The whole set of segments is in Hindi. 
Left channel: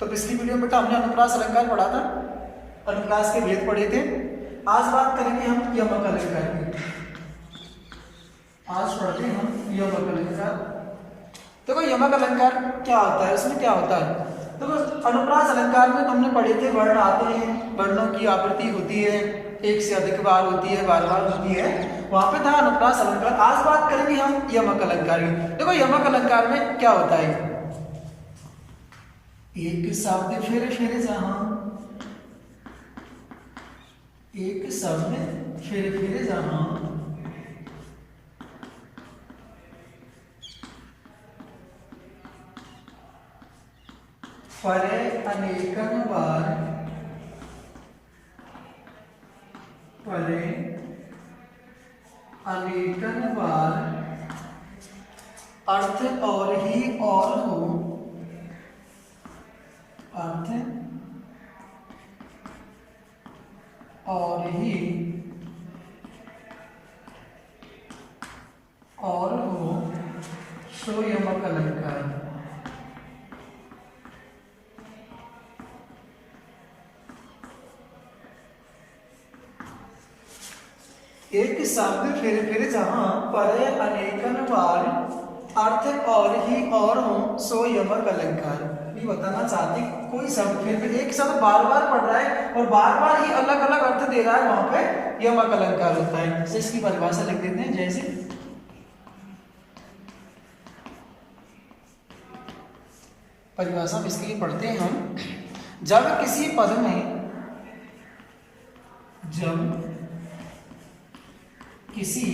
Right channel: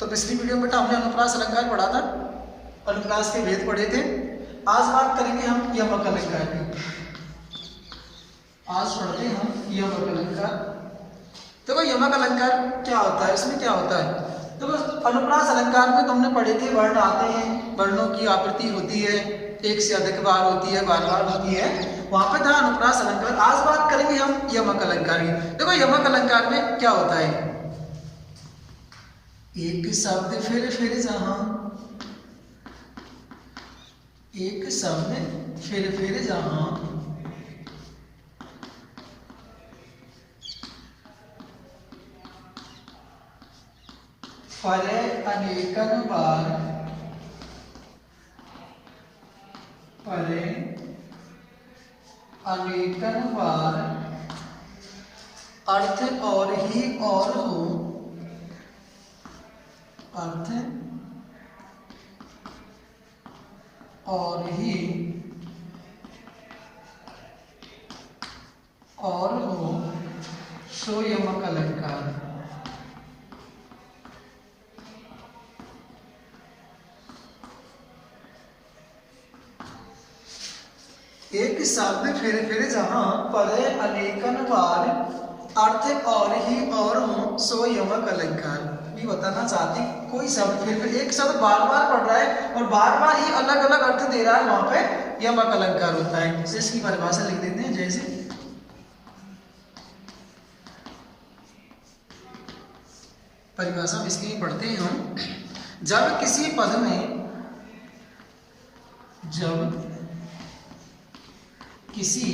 तो पिछली वीडियो में बेटा हमने अनुप्रास अलंकार पढ़ा था, अनुप्रास के भेद पढ़े थे। आज बात करेंगे हम यमक अलंकार की। आज पढ़ते हैं हम यमक अलंकार। देखो यमक अलंकार क्या होता है, इसमें क्या होता है। देखो अनुप्रास अलंकार में तुमने पढ़े थे वर्ण आते हैं, वर्णों की आवृत्ति होती है, एक से अधिक बार होती है, बार बार होती है, वहां पे था अनुप्रास अलंकार। आज बात करेंगे हम यमक अलंकार की। देखो यमक अलंकार में क्या होता है, एक शब्द फिर जहां, एक शब्द फिर जहां, परे अनेकन बार, परे अनेकन बार, अर्थ और ही और हो, अर्थ और ही और हो, सो यमक अलंकार। एक शब्द फिर जहां, परे अनेकन बार, अर्थ और ही और हो, सो यमक अलंकार। ये बताना चाहते कोई शब्द फिर एक शब्द बार बार पढ़ रहा है और बार बार ही अलग अलग अर्थ दे रहा है, वहां पे यमक अलंकार होता है। जैसे इसकी परिभाषा लिख देते हैं, जैसे परिभाषा इसके लिए पढ़ते हैं हम। जब किसी पद में, जब किसी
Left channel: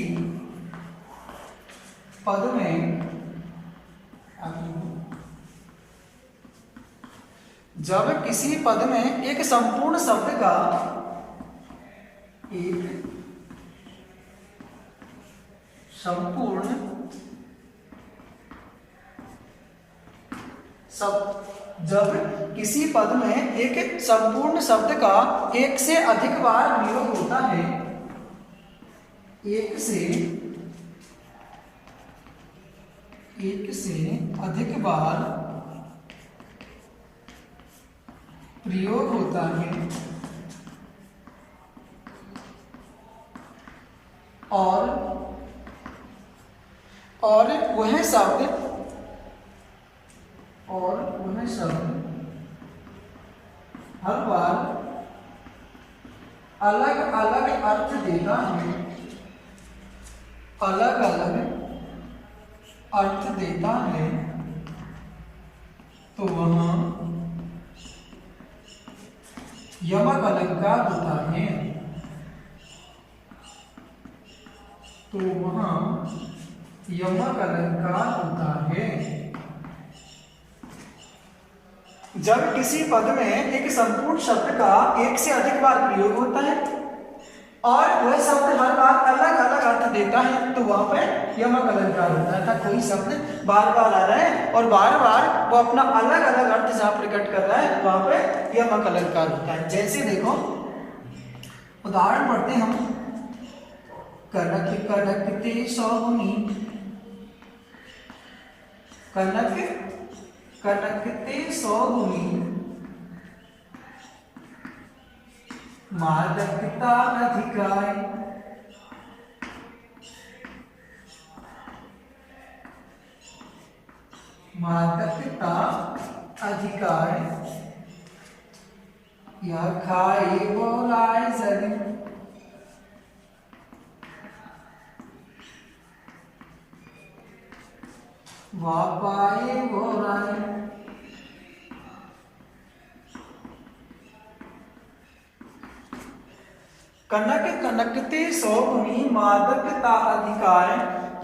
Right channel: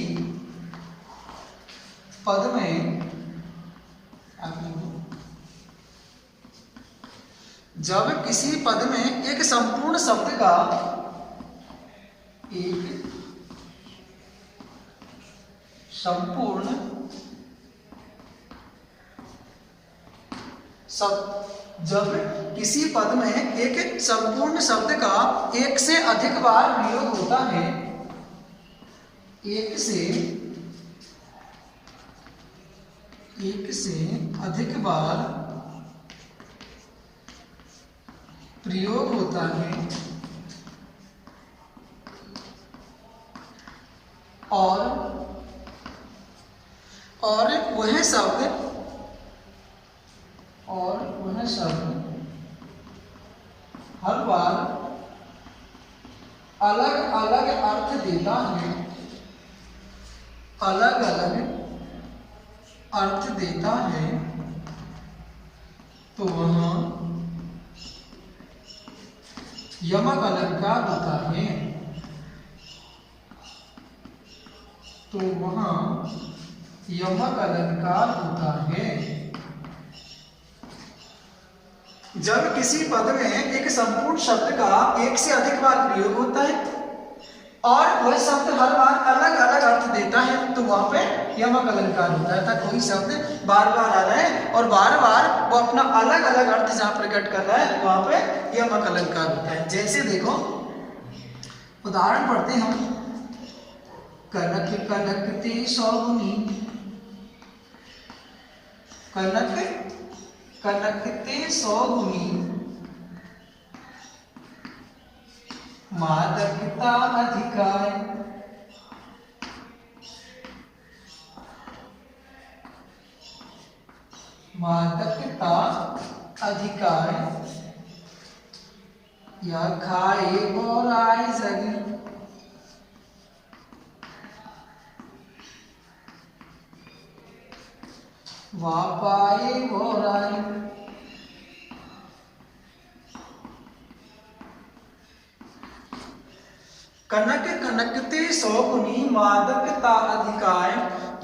पद में, जब किसी पद में एक संपूर्ण शब्द का, एक संपूर्ण शब्द, जब किसी पद में एक संपूर्ण शब्द का एक से अधिक बार प्रयोग होता है, एक से अधिक बार प्रयोग होता है, और वह शब्द, हर बार अलग अलग अर्थ देता है, अलग अलग अर्थ देता है, तो वह यमक अलंकार होता है, तो वह यमक अलंकार होता है। जब किसी पद में एक संपूर्ण शब्द का एक से अधिक बार प्रयोग होता है और वह शब्द हर बार अलग अलग अर्थ देता है, तो वहां पे यमक अलंकार होता है। था कोई शब्द बार बार आ रहा है और बार बार वो अपना अलग अलग अर्थ जहां प्रकट कर रहा है, वहां पे यमक अलंकार होता है। जैसे देखो उदाहरण पढ़ते हैं हम। कनक कनकते सौगुनी, कनक कनकते सौगुनी, मादकता अधिकाय, मादकता अधिकाय, या खाए बोराय जग, वापाए बोराय। कनक कनकते सौगुनी, मादकता अधिकाय,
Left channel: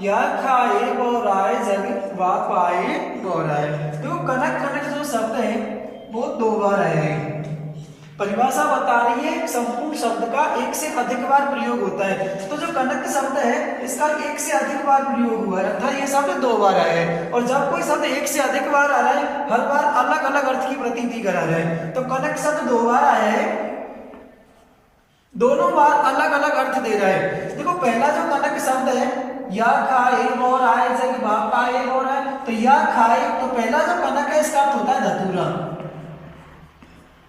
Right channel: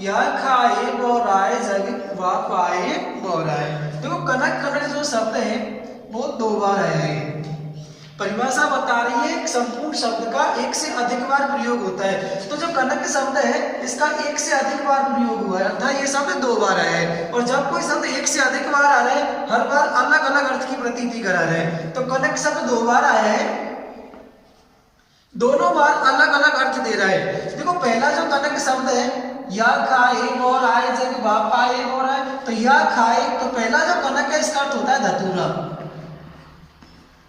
या खाए बोराय जग, वा पाए बोराय। देखो कनक कनक जो शब्द है वो दो बार आया है। परिभाषा बता रही है संपूर्ण शब्द का एक से अधिक बार प्रयोग होता है, तो जो कनक शब्द है इसका एक से अधिक बार प्रयोग हुआ है, अर्थात ये शब्द दो बार आया है। और जब कोई शब्द एक से अधिक बार आ रहा है, हर बार अलग अलग अर्थ की प्रतीति करा रहा है, तो कनक शब्द दो बार आया है, दोनों बार अलग अलग अर्थ दे रहा है। देखो पहला जो कनक शब्द है या खाए मोर आए जग बाप आए मोर है, तो या खाए तो पहला जो कनक है इसका अर्थ होता है धतूरा।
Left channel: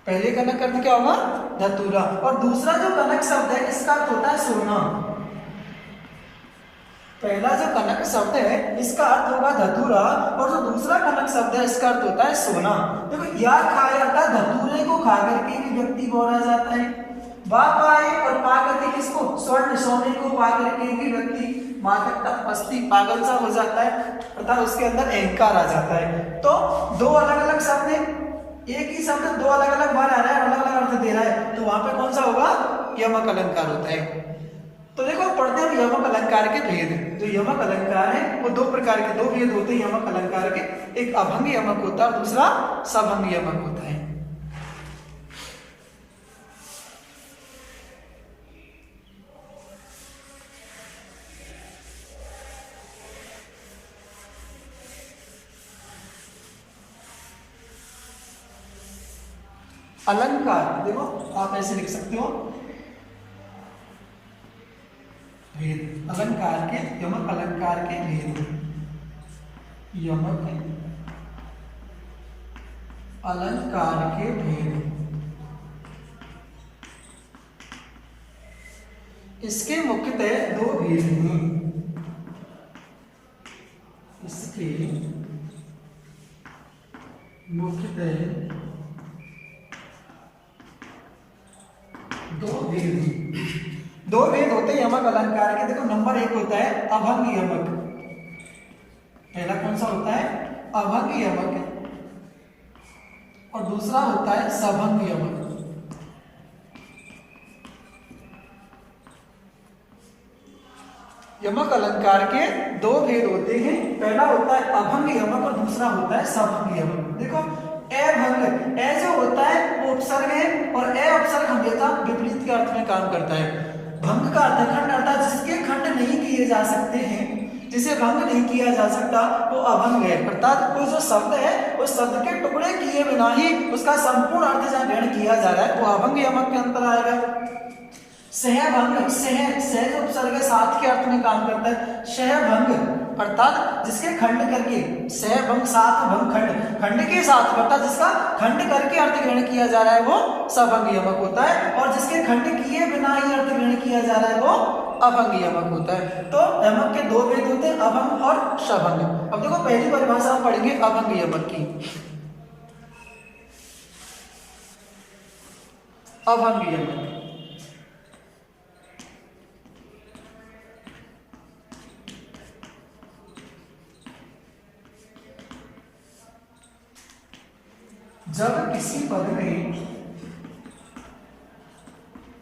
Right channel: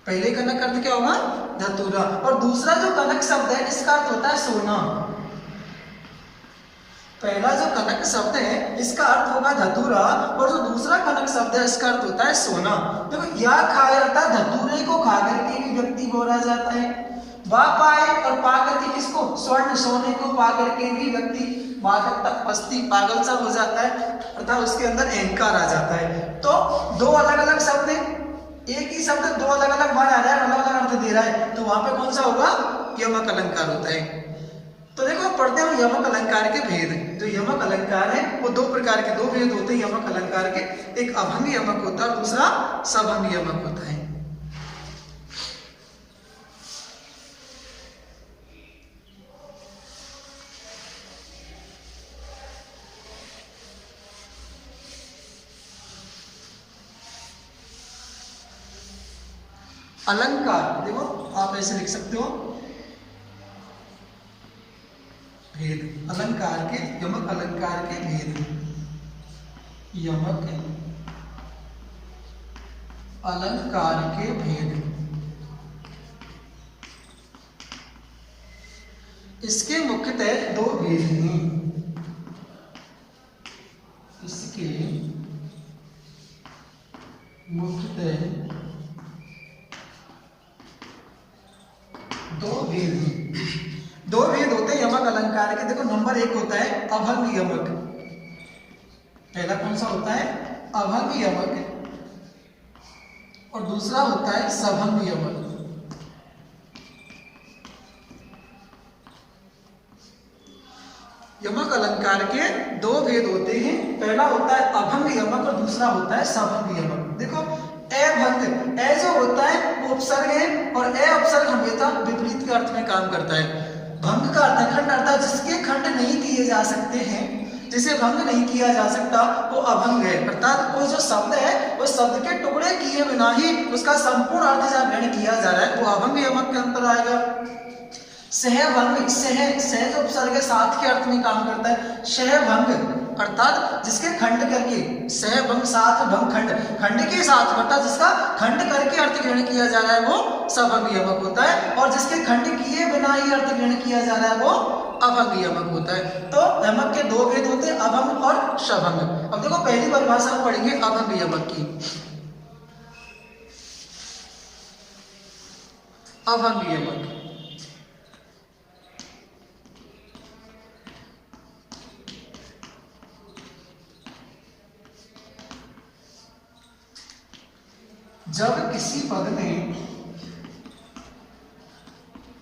पहले कनक अर्थ क्या होगा? धतूरा। और दूसरा जो कनक शब्द है इसका अर्थ होता है सोना। पहला जो कनक शब्द है इसका अर्थ होगा धतूरा, और जो दूसरा कनक शब्द है इसका अर्थ होता है सोना। देखो या खाए अर्थात धतूरे को खा करके भी व्यक्ति बौरा जाता है। वा पाए और पा करके किसको? स्वर्ण सोने को पा करके भी व्यक्ति मस्ती पागल सा हो जाता है, अर्थात उसके अंदर अहंकार आ जाता है। तो दो अलग अलग शब्द है, एक ही शब्द दो अलग अलग बार आ रहा है, अलग अलग अर्थ दे रहा है, तो वहां पे कौन सा होगा? यमक अलंकार होता है। तो देखो पढ़ते हैं यमक अलंकार के भेद। जो यमक अलंकार है वो दो प्रकार के, दो भेद होते हैं यमक अलंकार के, एक अभंग यमक होता है और दूसरा सभंग यमक होता है। अलंकार देखो आप ऐसे लिख सकते हो, भेद अलंकार के, यमक अलंकार के भेद, यमक अलंकार के भेद। इसके मुख्यतः दो भेद हैं। इसके मुख्यतः दो भेद हैं। दो भेद होते हैं यमक अलंकार के। देखो नंबर एक होता है अभंग यमक। पहला कौन सा होता है? अभंग यमक, और दूसरा होता है सभंग यमक। यमक अलंकार के दो भेद होते हैं, पहला होता है अभंग यमक और दूसरा होता है सभंग यमक। देखो अभंग, ए जो होता है वो उपसर्ग है, और ए उपसर्ग हमेशा विपरीत के अर्थ में काम करता है। भंग का अर्थ है खंड, अर्थात जिसके खंड नहीं किए जा सकते हैं, जिसे भंग नहीं किया जा सकता वो अभंग है। अर्थात कोई जो शब्द है उस शब्द के टुकड़े किए बिना ही उसका संपूर्ण अर्थ जहाँ ग्रहण किया जा रहा है वो अभंग यमक के अंतर आएगा। सहभंग, सह जो उपसर्ग साथ के अर्थ में काम करता है। सहभंग अर्थात जिसके खंड करके, सहभंग साथ भंग खंड, खंड के साथ अर्थात जिसका खंड करके अर्थ ग्रहण किया जा रहा है वो सभंग यमक होता है, और जिसके खंड किए बिना ही अर्थ ग्रहण किया जा रहा है वो अभंग यमक होता है। तो यमक के दो भेद होते हैं, अभंग और सभंग। अब देखो पहली परिभाषा हम पढ़ेंगे अभंग यमक की। अभंग यमक जब किसी पद में,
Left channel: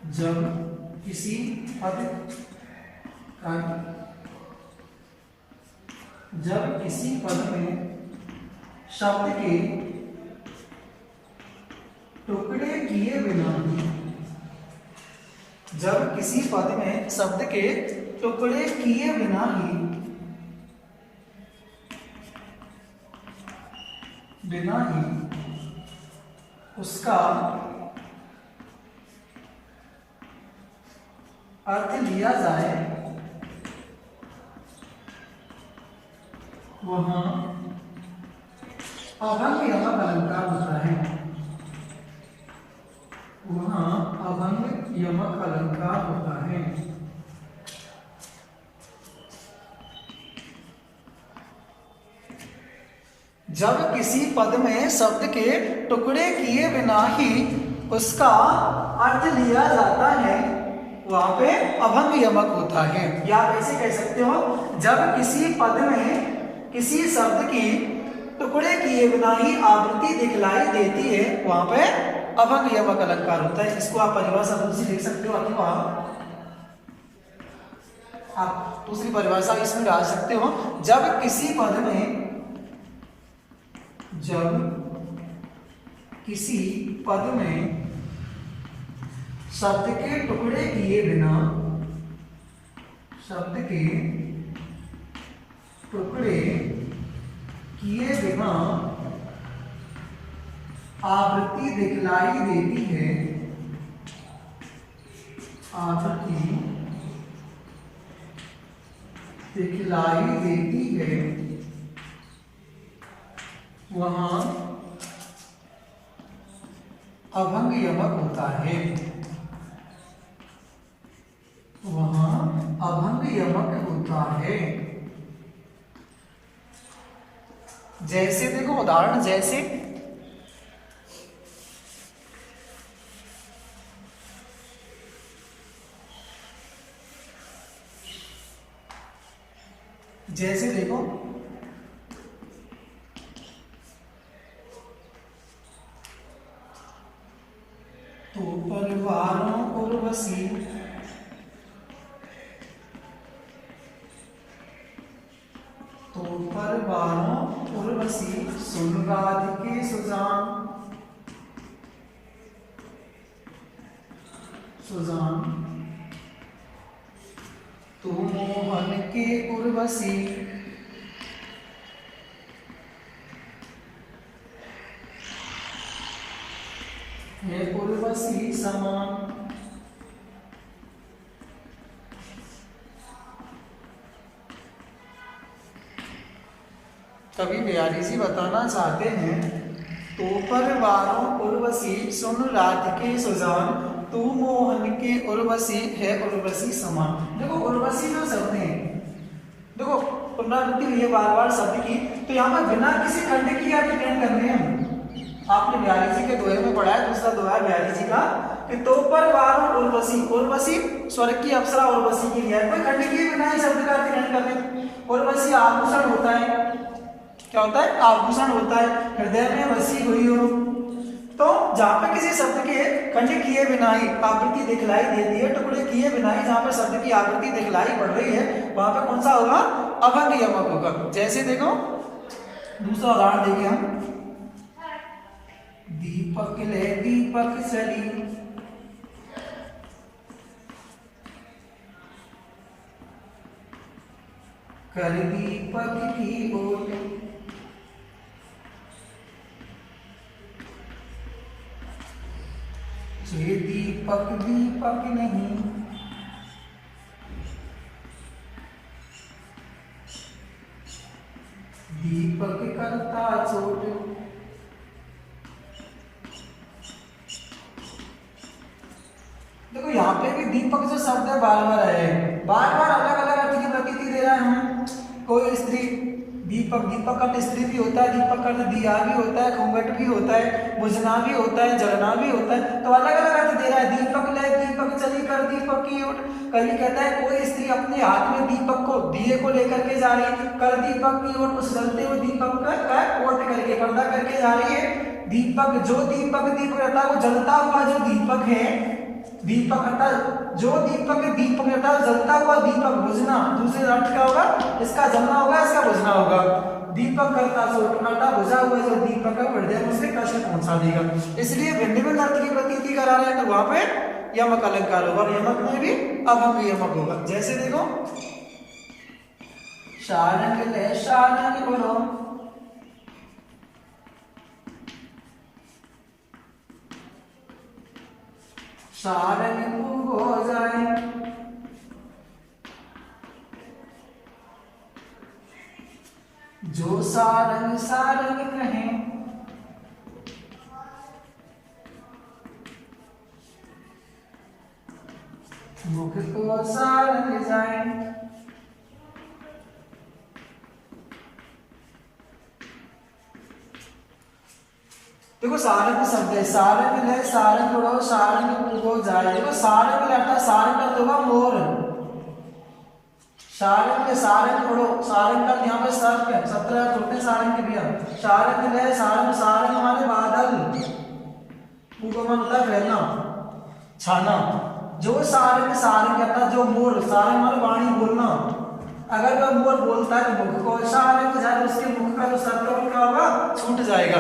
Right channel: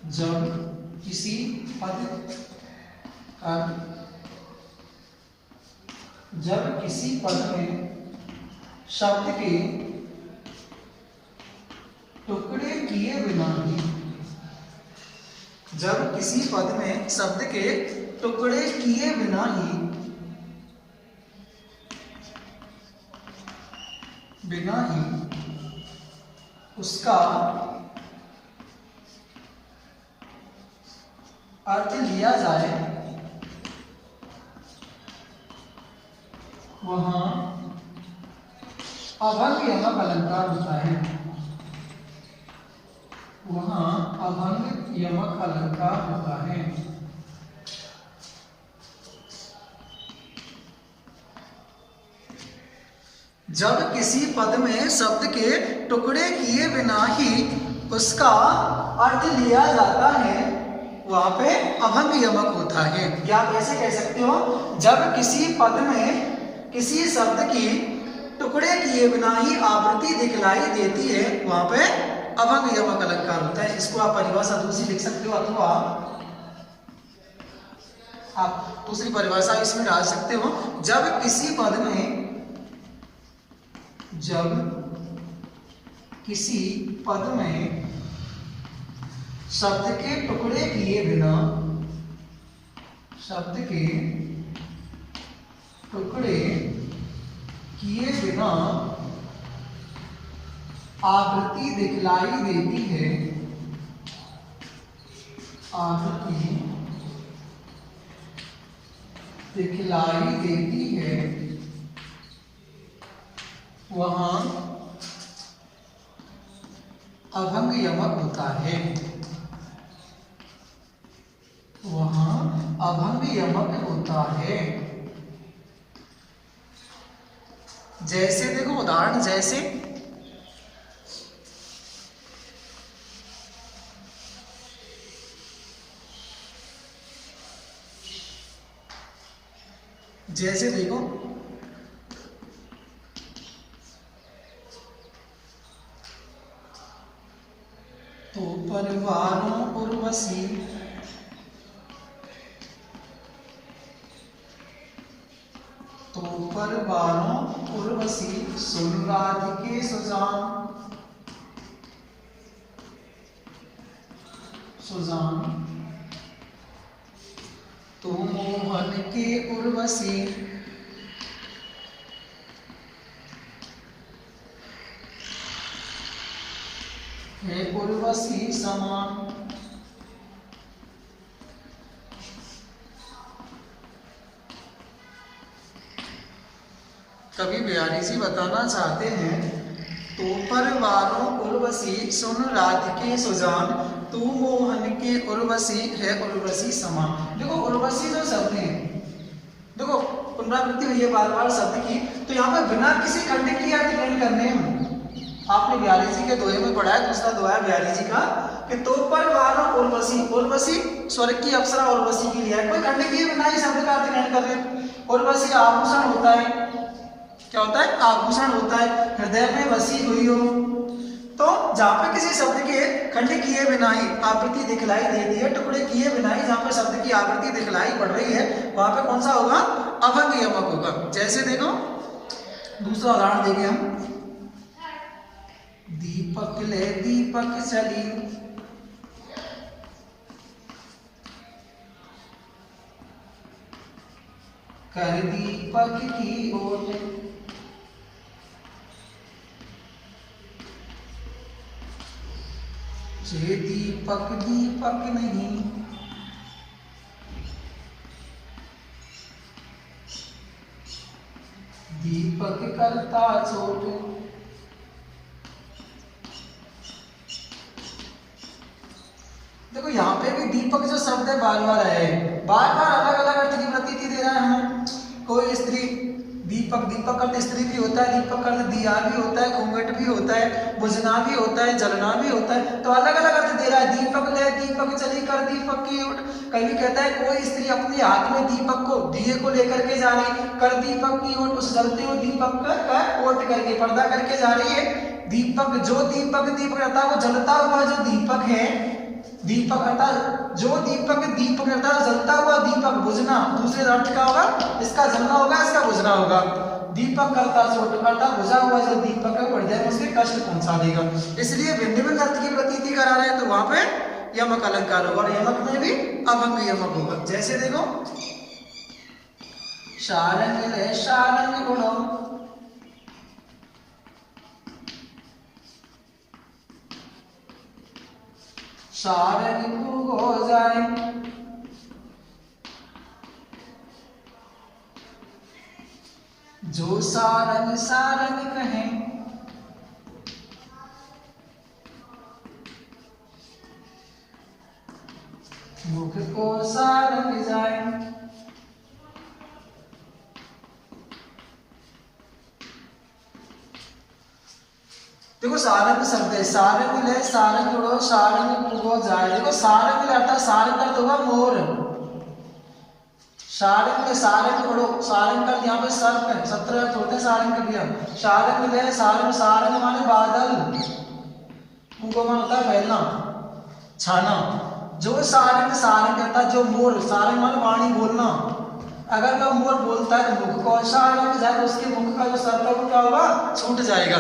जब किसी पद का, जब किसी पद में शब्द के टुकड़े किए बिना ही, जब किसी पद में शब्द के टुकड़े किए बिना ही, उसका अर्थ लिया जाए, वहां अभंग यमक अलंकार होता है। वहां अभंग यमक अलंकार होता है। जब किसी पद में शब्द के टुकड़े किए बिना ही उसका अर्थ लिया जाता है वहां पे अभंग यमक होता है। या आप ऐसे कह सकते हो, जब किसी पद में किसी शब्द की टुकड़े किए बिना ही आवृत्ति दिखलाई देती है वहां पे अभंग यमक अलंकार होता है। इसको आप परिभाषा दूसरी लिख सकते हो, अथवा आप दूसरी परिभाषा इसमें डाल सकते हो। जब किसी पद में, जब किसी पद में शब्द के टुकड़े किए बिना, शब्द के टुकड़े किए बिना आवृत्ति दिखलाई देती है, आवृत्ति दिखलाई देती है, वहां अभंग यमक होता है, वहां अभंग यमक होता है। जैसे देखो उदाहरण, जैसे जैसे देखो तो परिवारों उर्वशी तो परिवारों उर्वशी सुन राधिके सुजान सुजान तू मोहन के उर्वशी है उर्वशी समान। कवि बिहारी जी बताना चाहते हैं तो परिवारों उर्वशी सुन राधिके सुजान तू मोहन के उर्वशी है उर्वशी समान। देखो उर्वशी जो शब्द है, देखो पुनरावृत्ति हुई है बार बार शब्द की, तो यहाँ पर बिना किसी खंड की अर्थ ग्रहण करने हैं। आपने बिहारी जी के दोहे में पढ़ा है, दूसरा दोहा है बिहारी जी का कि तो परिवारों उर्वशी, उर्वशी स्वर्ग की अप्सरा उर्वशी के लिए है, कोई खंड किए बिना ही शब्द का अर्थ ग्रहण कर रहे हैं। उर्वशी आभूषण होता है, क्या होता है? आभूषण होता है, हृदय में वसी हुई हो। तो जहां पे किसी शब्द के खंड किए बिना ही आवृत्ति दिखलाई देती है, टुकड़े किए बिना ही जहां पे शब्द की आवृत्ति दिखलाई पड़ रही है, वहां पे कौन सा होगा? अभंग यमक होगा। जैसे देखो दूसरा उदाहरण देखें हम, दीपक ले दीपक चली कर दीपक की ओट जे दीपक दीपक नहीं दीपक करता चोट। देखो यहाँ पे भी दीपक जो शब्द है बार बार आया है, बार बार अलग अलग अर्थ की प्रतीति दे रहा है हमें। कोई स्त्री दीपक, दीपक का स्त्री भी होता है, दीपक का दिया भी होता है, घूंघट भी होता है, बुझना भी होता है, जलना भी होता है, तो अलग अलग अर्थ दे रहा है। दीपक ले दीपक चली कर दीपक की ओट। कभी कहता है कोई स्त्री अपने हाथ में दीपक को, दिए को लेकर के जा रही, कर दीपक की ओट, उस जलते हुए दीपक का ओट करके, पर्दा करके जा रही है। दीपक जो दीपक रहता है, वो जलता हुआ जो दीपक है, दीपक अर्थात जो दीपक दीपक अर्थात जलता हुआ दीपक, बुझना दूसरे अर्थ का होगा, इसका जलना होगा, इसका बुझना होगा। दीपक करता चोट, अर्थात बुझा हुआ जो दीपक है वो हृदय में उसके कष्ट पहुंचा देगा, इसलिए भिन्न भिन्न अर्थ की प्रतीति करा रहे हैं, तो वहां पे यमक अलंकार होगा और यमक में भी अभंग यमक होगा। जैसे देखो शारंग ले शारंग उड़ो शारंग हो जाए जो सारंग सारंग कहे मुख को सारंग जाए। देखो सारंग शब्द है, सारंग ले सारंग उड़ो सारंग हो जाए। देखो सारंग ले अर्थात सारंग अर्थ होगा मोर, सारंग ले सारंग उड़ो, सारंग का यहाँ पे सर्प है, 17 अर्थ होते हैं सारंग के भैया। सारंग ले सारंग, सारंग माने बादल, उनको मान होता है फैलना, छाना। जो सारंग सारंग कहता जो मोर, सारंग माने वाणी बोलना, अगर वह मोर बोलता है तो मुख को सारंग जाए, तो उसके मुख का जो सर्प है वो क्या होगा? छूट जाएगा।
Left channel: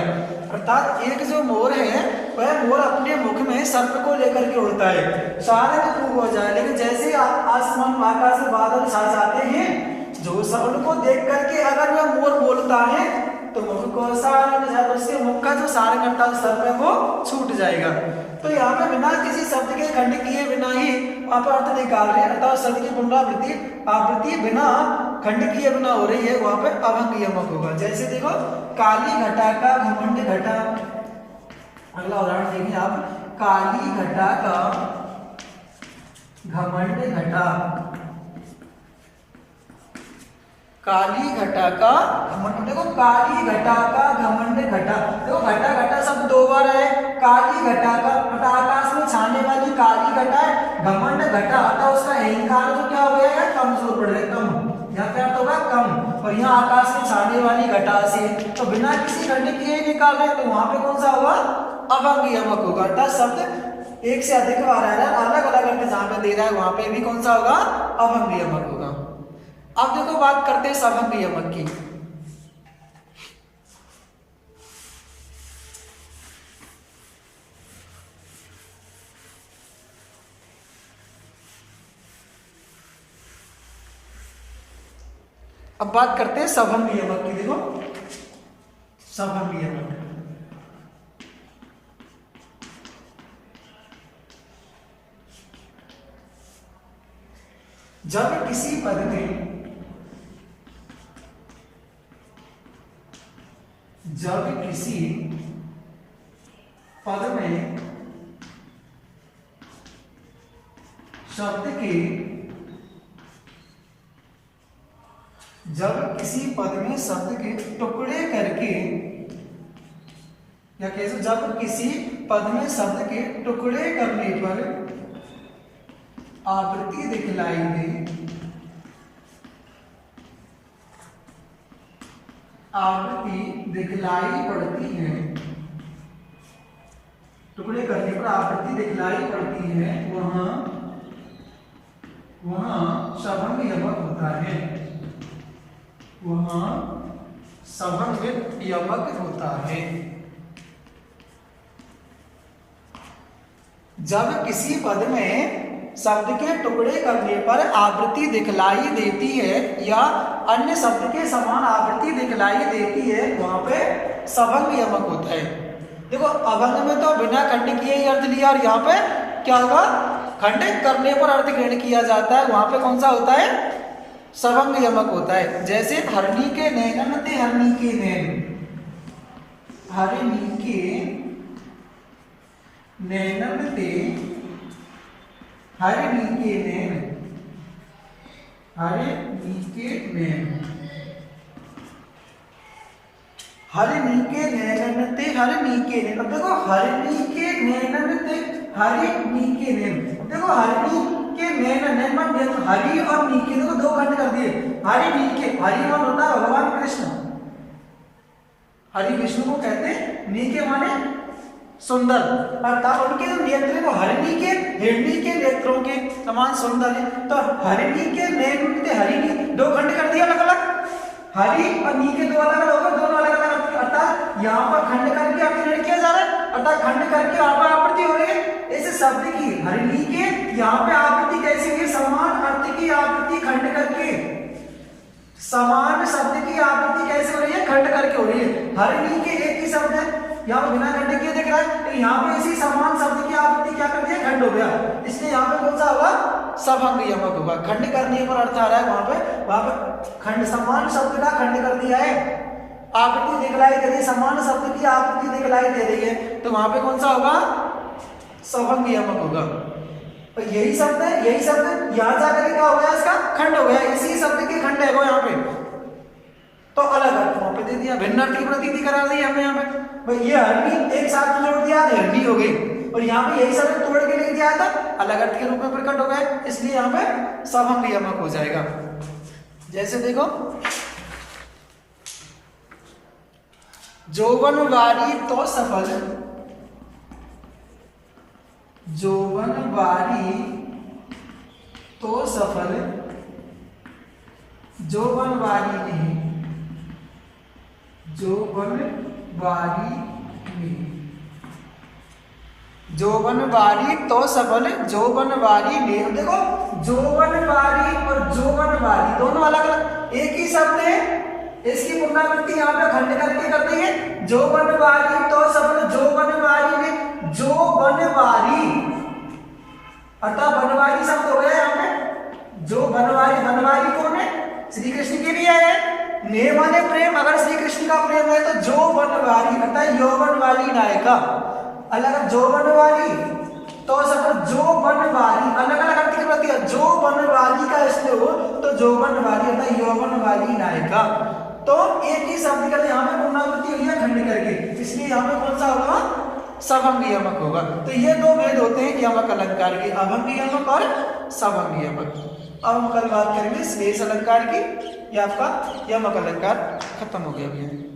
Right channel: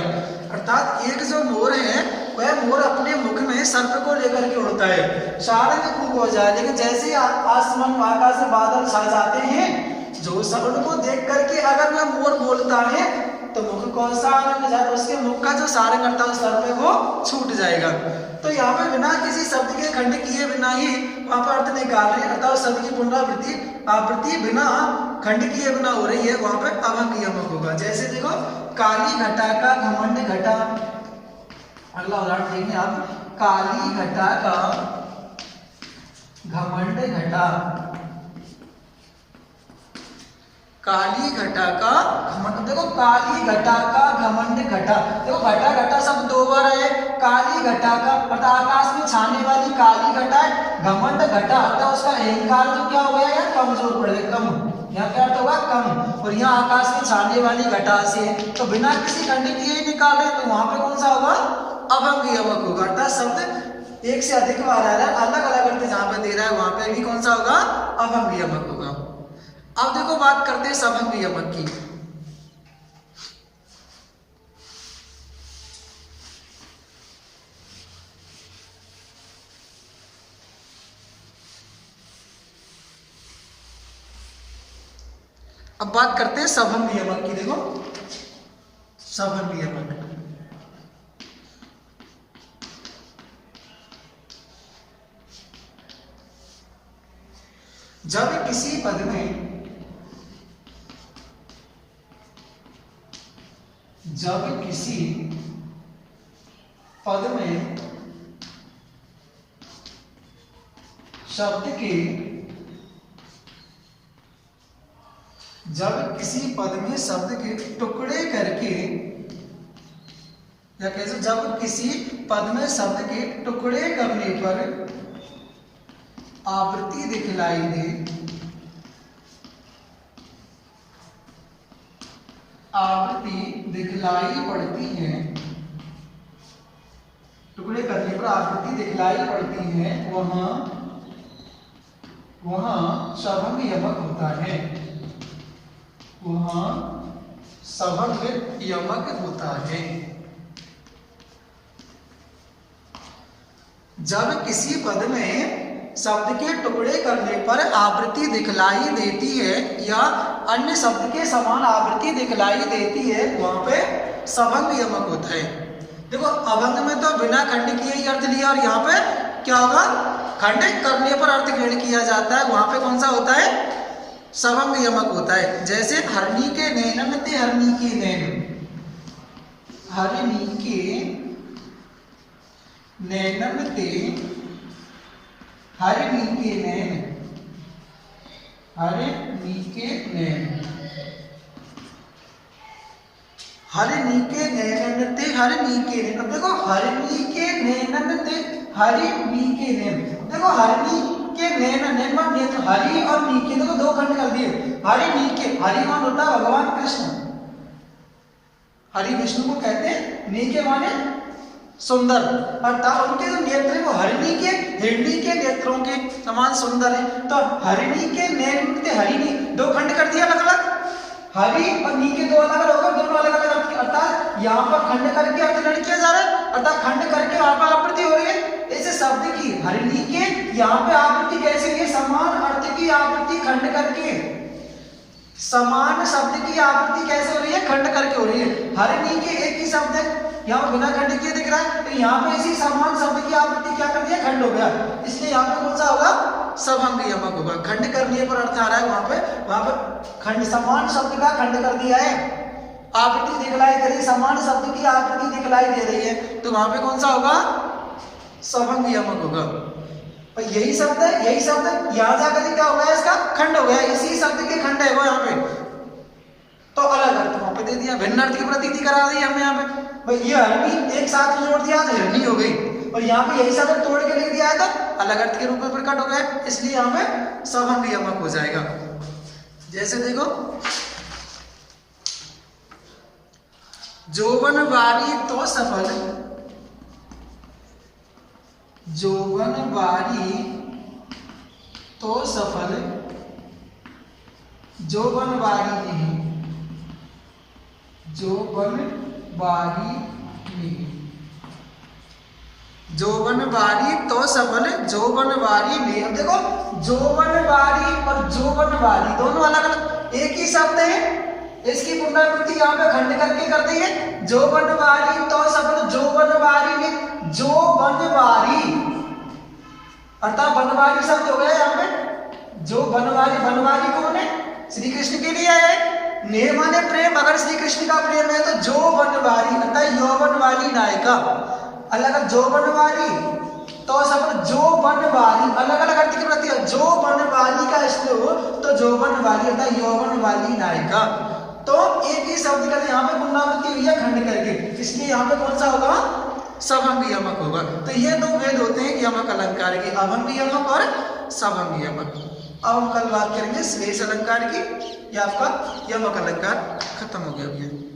अर्थात एक जो मोर है वह मोर अपने मुख में सर्प को लेकर के उड़ता है, सारंग खूब हो जाए। लेकिन जैसे ही आसमान आकाश से बादल छा जाते हैं, जो सब उनको देख करके अगर वह मोर बोलता है तो मुख को सारंग जाए, तो उसके मुख का जो सारंग अर्थात सर्प है वो छूट जाएगा। तो यहाँ पे बिना किसी शब्द के खंड किए बिना ही वहां पर अर्थ निकाल रहे हैं, अर्थात शब्द की पुनरावृत्ति आवृत्ति बिना खंड किए बिना हो रही है, वहां पर अभंग यमक होगा। जैसे देखो काली घटा का घमंड घटा अगला उदाहरण देखें आप, काली घटा का घमंड घटा। काली घटा का घमंड, देखो काली घटा का घमंड घटा, देखो घटा घटा सब दो बार है। काली घटा का अर्थात आकाश में छाने वाली काली घटा है, घमंड घटा अर्थात उसका अहंकार तो क्या हो गया यार, कमजोर पड़ गया, कम। यहाँ क्या अर्थ होगा, कम। और यहाँ आकाश में छाने वाली घटा से तो बिना किसी खंड किए ही निकाले, तो वहां पे कौन सा होगा, अभंग यमक होगा। अर्थात शब्द एक से अधिक बार आ रहा है, अलग अलग अर्थ जहां पे दे रहा है वहां पे भी कौन सा होगा, अभंग यमक होगा। अब देखो बात करते हैं सभंग यमक की। अब बात करते हैं सभंग यमक की। देखो सभंग यमक, जब किसी पद में, जब किसी पद में शब्द के, जब किसी पद में शब्द के टुकड़े करके, या कैसे, जब किसी पद में शब्द के टुकड़े करने पर आवृत्ति दिखलाई दे, आवृत्ति दिखलाई पड़ती है, टुकड़े करने पर आवृत्ति दिखलाई पड़ती है, वहां सभंग यमक होता है, वहां सभंग यमक होता है। जब किसी पद में शब्द के टुकड़े करने पर आवृत्ति दिखलाई देती है या अन्य शब्द के समान आवृत्ति दिखलाई देती है, वहां पे सभंग यमक होता है। देखो अभंग में तो बिना खंड किए ही अर्थ लिया, और यहाँ पे क्या होगा, खंड करने पर अर्थ ग्रहण किया जाता है, वहां पे कौन सा होता है, सभंग यमक होता है। जैसे हरनी के नैनन ते हरनी के नैन, हरनी के नैनन ते हरनी के नैन, हरनी के नैन, हरनी के नैनन ते हरनी के नैन। अब देखो हरनी के नैनन ते हरनी के नैन, देखो हरनी के नैन, नैन मान नेत्र, हरि और नी के, देखो दो खंड कर दिए। हरि नी के, हरि मान होता है भगवान कृष्ण, हरि विष्णु को कहते हैं, नी के माने सुंदर, अर्थात उनके जो नेत्र है वो हरिणी के, हिरणी के नेत्रों के समान सुंदर है। तो हरिणी के नैन ते हरिणी, दो खंड कर दिया अलग अलग, हरि और नी के दो अलग अलग हो गए, दोनों अलग अलग अर्थ, अर्थात यहाँ पर खंड करके अर्थ ग्रहण किया जा रहा है, अर्थात खंड करके वहां पर आवृत्ति हो रही है। ऐसे शब्द की हरिणी के यहाँ पे आवृत्ति कैसे हुई है, समान अर्थ की आवृत्ति खंड करके, समान शब्द की आवृत्ति कैसे हो रही है, खंड करके हो रही है। हरिणी के एक ही शब्द है, यहाँ पे बिना खंड किए दिख रहा है, तो यहाँ पे इसी समान शब्द की आवृत्ति क्या कर दिया, खंड हो गया, इसलिए यहाँ पे कौन सा होगा, सभंग यमक होगा। खंड करने पर अर्थ आ रहा है, वहां पे खंड, समान शब्द का खंड कर दिया है, आवृत्ति दिखलाई दे रही है, समान शब्द की आवृत्ति दिखलाई दे रही है, तो वहां पे कौन सा होगा, सभंग यमक होगा। और यही शब्द है, यही शब्द यहाँ जाकर क्या हो गया, इसका खंड हो गया, इसी शब्द के खंड है वो यहाँ पे, तो अलग अर्थ वहां पे दे दिया, भिन्न अर्थ की प्रतीति करा दी हमें यहाँ पे। भाई ये हरनी एक साथ जोड़ दिया तो हिरनी हो गई, और यहाँ पे यही शब्द तोड़ के लिख दिया है तो अलग अर्थ के रूप में प्रकट हो गया, इसलिए यहाँ पे सभंग यमक हो जाएगा। जैसे देखो जोवन वारी तो सफल, जोवन वारी तो सफल, जोवन वारी नहीं, जोवन वारी नहीं, जोवन वारी तो सफल, जोवन वारी में। अब देखो जोवन वारी और जोवन वारी दोनों अलग अलग एक ही शब्द है, इसकी पुनरावृत्ति यहाँ पे खंड करके कर दी है। जोवन वारी तो सफल, जोवन वारी में, जो बनवारी अर्थात बनवारी शब्द हो गया यहाँ पे, जो बनवारी, बनवारी कौन है, श्री कृष्ण के लिए है, ने माने प्रेम, अगर श्री कृष्ण का प्रेम है तो जो बनवारी अर्थात यौवन वाली नायिका, अलग जो बन वाली, तो सब जो बन वाली अलग अलग अर्थ की प्रति है। जो बन वाली का इसलिए हो तो जो बन वाली होता है यौवन वाली नायिका। तो एक ही शब्द का यहाँ पे पुनरावृत्ति हुई है खंड करके, इसलिए यहाँ पे कौन सा होगा, सभंगी यमक होगा। तो ये दो भेद होते हैं यमक अलंकार के, अभंगी यमक और सभंगी यमक। अब हम कल बात करेंगे श्लेष अलंकार की। ये आपका यमक अलंकार खत्म हो गया अभी।